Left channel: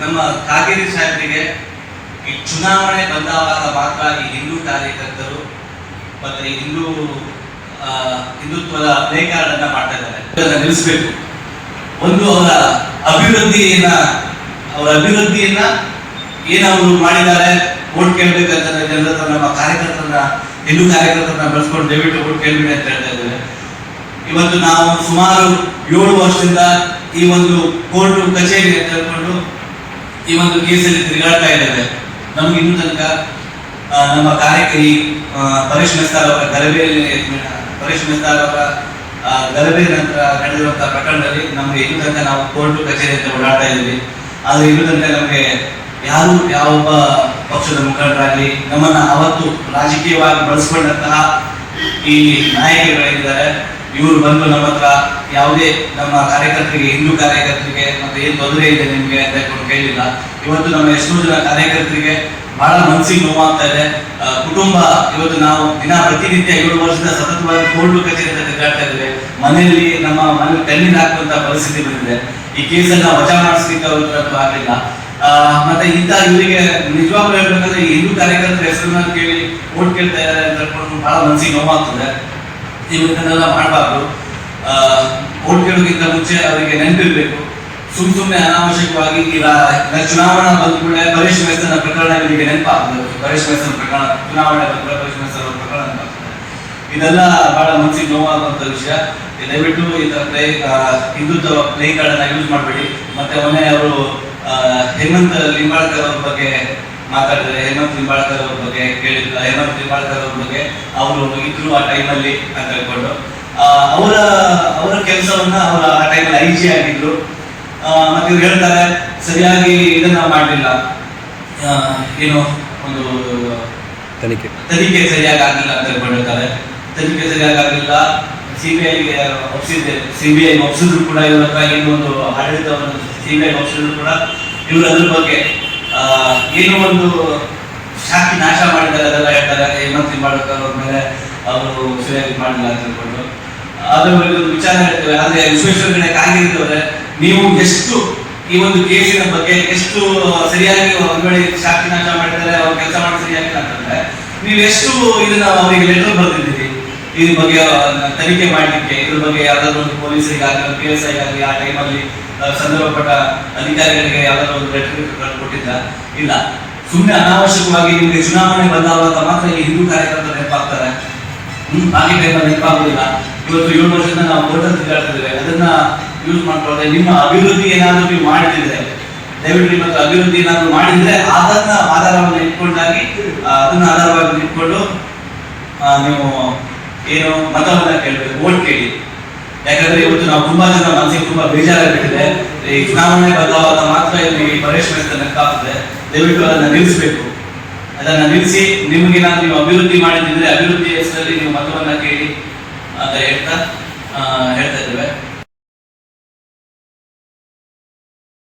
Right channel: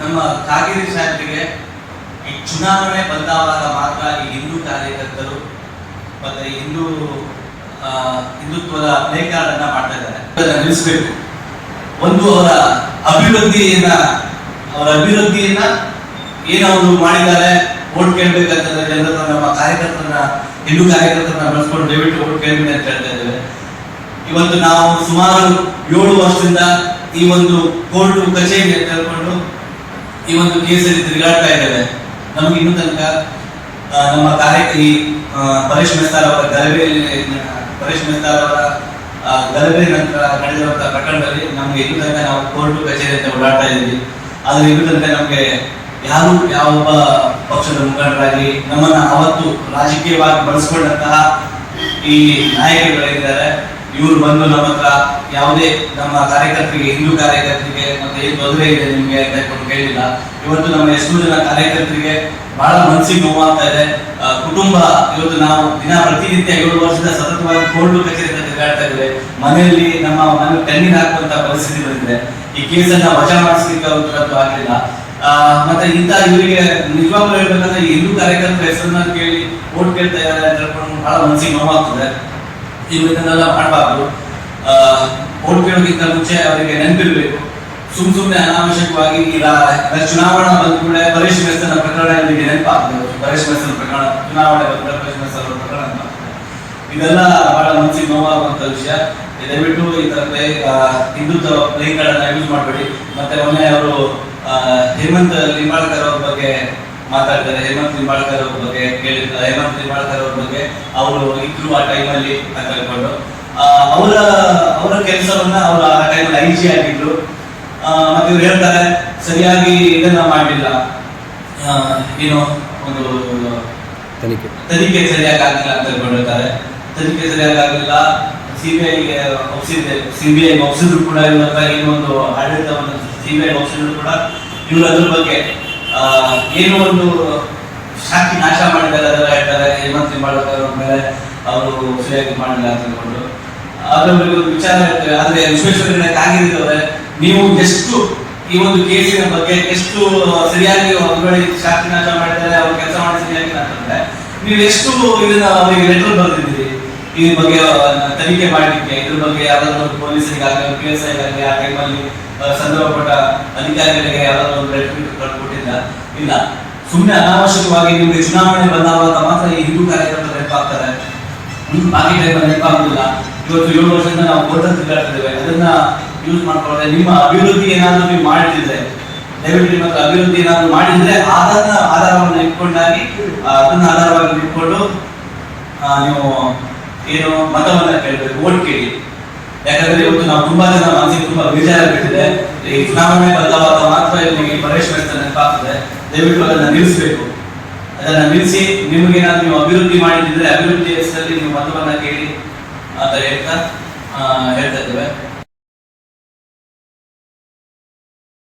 ನಮ್ಮ ಕಾಗೇರಿ ಸಾಹೇಬರಿಗೆ ಈ ಚುನಾವಣೆ ಬಂದಾವಾಗ ಮಾತ್ರ ಈ ಹಿಂದೂ ಕಾರ್ಯಕರ್ತರು ಮತ್ತೆ ಹಿಂದೂ ಹಿಂದುತ್ವದ ಪ್ಲೇ ಕಾರ್ಡ್ ಅನ್ನ ಮಾಡ್ತಾ ಇದ್ದಾರೆ. ನಿಲ್ಲಿಸಬೇಕು. ಒಂದು ಅವರ ಅಭಿವೃದ್ಧಿಯನ್ನ ಅವರ ಅಭಿವೃದ್ಧಿಯನ್ನ ಏನವರು ಮಾಡಿದ್ದಾರೆ ಓಟ್ ಕೇಳ್ಬೇಕಂತಂದ್ರೆ ಜನರ ನಮ್ಮ ಕಾರ್ಯಕರ್ತರ ಹಿಂದೂ ಕಾರ್ಯಕರ್ತರನ್ನ ಬೆಳೆಸ್ಕೊಂಡು ದಯವಿಟ್ಟು ಓಟ್ ಕೇಳಿ ಅಂತ ಹೇಳ್ತಾ ಇದ್ದೇವೆ. ಇವತ್ತು ನಾವು ಸುಮಾರು ಏಳು ವರ್ಷದಿಂದ ಈ ಒಂದು ಕೋರ್ಟ್ ಕಚೇರಿ ತೆಗೆದುಕೊಂಡು ಈ ಒಂದು ಕೇಸಲ್ಲಿ ತಿರುಗಾಡ್ತಾ ಇದ್ದಾರೆ. ನಮ್ಗೆ ಇನ್ನೂ ತನಕ ನಮ್ಮ ಕಾರ್ಯಕರಿ ಪರೇಶ್ ಮೆಸ್ತಾರ್ ಅವರ ಗಲಭೆಯಲ್ಲಿ, ಪರೇಶ್ ಮೆಸ್ತಾರ್ ಅವರ ಗಲಭೆ ನಂತರ ನಡೆದಿರುವಂತಹ ಪ್ರಕರಣದಲ್ಲಿ ನಮ್ಗೆ ಇನ್ನೂ ತನಕ ನಾವು ಕೋರ್ಟ್ ಕಚೇರಿ ಅಂತ ಓಡಾಡ್ತಾ ಇದ್ದೀವಿ. ಆದ್ರೆ ಇನ್ನೂ ತನಕ ನಮ್ಗೆ ಯಾರು ಯಾವೊಬ್ಬ ಪಕ್ಷದ ಮುಖಂಡರಾಗಿ ನಮ್ಮನ್ನ ಅವತ್ತು ರಾಜಕೀಯವಾಗಿ ಬಳಸ್ಕೊಂಡಂತಹ ಈ ನಾಯಕರುಗಳಿದ್ದಾರೆ. ಇವರು ಬಂದು ನಮ್ಮ ಹತ್ರ ಯಾವುದೇ ನಮ್ಮ ಕಾರ್ಯಕರ್ತರಿಗೆ, ಹಿಂದೂ ಕಾರ್ಯಕರ್ತರಿಗೆ ಮತ್ತೆ ಏನು ತೊಂದರೆ ಇದೆ ನಿಮ್ಗೆ ಅಂತ ಹೇಳ್ಕೊಂಡು ಕೇಳಿಲ್ಲ. ಇವತ್ತು ನಮ್ಮ ಎಷ್ಟು ಜನ ಕಾರ್ಯಕರ್ತರಿಗೆ ಬಹಳ ಮನಸ್ಸಿಗೆ ನೋವಾಗ್ತಾ ಇದೆ. ಕುಟುಂಬ ಇವತ್ತು ನಾವು ದಿನ ಪ್ರತಿನಿತ್ಯ ಏಳು ವರ್ಷದ ಸತತವಾಗಿ ಕೋರ್ಟು ಕಚೇರಿ ತಿರುಗಾಡ್ತಾ ಇದ್ರೆ ಮನೆಯಲ್ಲಿ ನಮ್ಮ ಮನೆ ಕಣ್ಣಿನ ಹಾಕುವಂತ ಪರಿಸ್ಥಿತಿ ಬಂದಿದೆ. ಈ ಕೇಸನ್ನ ವಜಾ ಮಾಡಿಸ್ಲಿಕ್ಕೆ ಅವ್ರದ್ದು ಆಗಿಲ್ಲ ಮತ್ತೆ ಇಂಥ ಇವರಿಗೆ ನಿಜವಾಗ್ಲೂ ಹೇಳ್ಬೇಕಂದ್ರೆ ಹಿಂದೂ ಕಾರ್ಯಕರ್ತರ ಹೆಸರನ್ನ ಕೇಳಿ ಓಟ್ ಕೇಳ್ತಾ ಇದ್ದಾರೆ ಅಂತ ಹೇಳ್ಕೊಂಡು ಬಹಳ ಮನಸ್ಸಿಗೆ ನೋವಾಗ್ತದೆ ಇವತ್ತನ್ನೆಲ್ಲ ಮಾಡಬಾರ್ದು. ಓಟ್ ಕೇಳೋದಕ್ಕಿಂತ ಮುಂಚೆ ಅವರಿಗೆ ನೆನಪಿರಬೇಕು. ಸುಮ್ ಸುಮ್ಮನೆ ಅನಾವಶ್ಯಕವಾಗಿ ಈ ಚುನಾವಣಾ ಬಂದ ಕೂಡ ಪರೇಶ್ ಮೆಸ್ತನ ಪ್ರಕರಣ ಇವರಿಗೆ ನೆನಪಾಗ್ತದೆ. ಪರೇಶ್ ಮೆಸ್ತನ ಪ್ರಕರಣ, ಚುನಾವಣೆ ಬಂದ ಕೂಡ ಪರೇಶ್ ಪ್ರಕರಣ. ಇದೆಲ್ಲ ಬಹಳ ಮನಸ್ಸಿಗೆ ನೋವಾಗುವಂತ ವಿಷಯ. ದಯವಿಟ್ಟು ಈ ತರ play Hindutva play card use ಮಾಡಬೇಡಿ. ಮತ್ತೆ ಮೊನ್ನೆ ಅವರು ಹೇಮಂತ್ ಲಿಂಬಾಳ್ಕರ್ ಮಾತಾಡಿದ್ದಾರೆ. ಹೇಮಂತ್ ಲಿಂಬಾಳ್ಕರ್ ಅವ್ರ ಬಗ್ಗೆ ಕೇಳಿದ್ರು ಹೇಮಂತ್ ಲಿಂಬಾಳ್ಕರ್ ಅವ್ರ ಬಗ್ಗೆ ಅವರು ಇದ್ರು ಆ ಟೈಮಲ್ಲಿ ಅಂತ ಹೇಳ್ಕೊಂಡು. ಅವರ ಅವರ ಕೆಲಸವನ್ನ ಅವರ ಆ ಟೈಮಲ್ಲಿ ಐ ಜಿ ಆಗಿದ್ರು. ಮತ್ತೆ ಇವ್ರು ಹೇಳ್ತಾರೆ ಸರಿಯಾಗಿ ಇದನ್ನ ಮಾಡಲಿಲ್ಲ. ಏನು ಒಂದು ತನಿಖೆ. ತನಿಖೆ ಸರಿಯಾಗಿ ಆಗಿಲ್ಲ ಅಂತ ಹೇಳ್ಕೊಂಡಿರ್ತಾರೆ ತನಿಖೆ ಸರಿಯಾಗಿ ಆಗಿಲ್ಲ. ಸಿಬಿಐಗೆ ಒಪ್ಸಿದ್ದೆ. ಸಿಬಿಐ ಒಪ್ಪಿಸಿದ್ರು ಕೂಡ ಇವರ ಏನೊಂದು ಆಡಳಿತವನ್ನು ಸಿಬಿಐ ಒಪ್ಸಿದ್ರು ಕೂಡ ಇವರು ಅದ್ರ ಬಗ್ಗೆ ಏನೋ ಒಂದು ಸಾಕಿ ನಾಶ ಮಾಡಿದ್ದಾರೆ ಅದೆಲ್ಲ ಹೇಳ್ತಾರೆ ಹೇಮಂತ್ರಿ ಮಾಡ್ಬೇಕಾದ್ರೆ ಅವ್ರ ಸರಿಯಾಗಿ ಮಾಡಿಲ್ಲ ಅಂತ ಹೇಳ್ಕೊಂಡು. ಅದ್ರ ಬಗ್ಗೆ ಒಂದು ವಿಚಾರ ಹೇಳ್ತೇವೆ ಆದ್ರೆ ವಿಶ್ವೇಶ್ವರ ಕಾಗಿರಿದವ್ರೆ, ನೀವು ಎಷ್ಟು ಈ ಒಂದು ಕೇಸಿನ ಬಗ್ಗೆ ಎಷ್ಟು ಸರಿಯಾಗಿ ಒಂದ್ ವೇಳೆ ನಾಶ ಮಾಡಿದ್ದಾರೆ ಅವ್ರು ಕೆಲಸ ಮಾಡಿ ಸರಿಯಾಗಿಲ್ಲ ಅಂತಂದ್ರೆ, ನೀವು ಎಷ್ಟು ಇದನ್ನ ಅವರಿಗೆ ಲೆಟರ್ ಬರೆದಿದ್ದೀರಿ? ಈ ಬಗ್ಗೆ ತನಿಖೆ ಮಾಡಲಿಕ್ಕೆ ಇದ್ರ ಬಗ್ಗೆ ಯಾವ್ದಾದ್ರು ಪೊಲೀಸರಿಗಾಗಲಿ ಪಿ ಎಸ್ ಐಗಾಗಲಿ ಆ ಟೈಮಲ್ಲಿ ಸಂದರ್ಭಪಟ್ಟ ಅಧಿಕಾರಿಗಳಿಗೆ ಯಾವ್ದಾದ್ರು ಒಂದು ಲೆಟರ್ ಕೊಟ್ಟಿಲ್ಲ ಇಲ್ಲ. ಸುಮ್ಮನೆ ಅನಾವಶ್ಯಕವಾಗಿ ನಿಮಗೆ ಚುನಾವಣೆ ಬಂದಾಗ ಮಾತ್ರ ಈ ಹಿಂದೂ ಕಾರ್ಯಕರ್ತರು ನೆನಪಾಗ್ತಾರೆ ಬಾಕಿ ಟೈಮಲ್ಲಿ ನೆನಪಾಗುದಿಲ್ಲ. ಇವತ್ತು ಏಳು ವರ್ಷದಿಂದ ನಾವು ಕೋರ್ಟ್ ತಿರುಗಾಡ್ತಿದ್ದೇವೆ ಅದನ್ನ ಯೂಸ್ ಮಾಡ್ಕೊಳ್ಳದೆ, ನಿಮ್ಮ ಅಭಿವೃದ್ಧಿ ಏನಾದರೂ ನೀವು ಮಾಡಿದ್ರೆ ದಯವಿಟ್ಟು ಮತ್ತು ಅಭಿವೃದ್ಧಿ ಏನಾದರೂ ಮಾಡಿದ್ರೆ ಅದನ್ನ ಆಧಾರವನ್ನು ಇಟ್ಕೊಂಡಾಗಿ ಅದನ್ನ ಆಧಾರವಾಗಿ ಇಟ್ಕೊಂಡು ನೀವು ಏನು ಮತವನ್ನ ಕೇಳಬೇಕು, ಓಟ್ ಕೇಳಿ. ಯಾಕಂದ್ರೆ ಇವತ್ತು ನಾವು ತುಂಬಾ ಜನ ಮನಸ್ಸಿಗೆ ತುಂಬಾ ಬೇಜಾರಾಗ್ಬಿಟ್ಟಿದೆ. ಈ ಚುನಾವಣೆ ಬದಲಾವಾದ ಮಾತ್ರ ಇಲ್ಲಿ ಪರೇಶ್ ಮೆಸ್ತ ನೆನಪಾಗ್ತದೆ ದಯವಿಟ್ಟು ಅದನ್ನ ನಿಲ್ಲಿಸಬೇಕು. ಅದನ್ನ ನಿಲ್ಲಿಸಿ ನಿಮಗೆ ನಾನು ನೀವು ಅಭಿವೃದ್ಧಿ ಮಾಡಿದ್ರೆ ಅಭಿವೃದ್ಧಿ ಹೆಸರಲ್ಲಿ ನೀವು ಮತವನ್ನ ಕೇಳಿ ಅಂತ ಹೇಳ್ತಾ ಹೇಳ್ತಾ ಇದ್ದೇವೆ.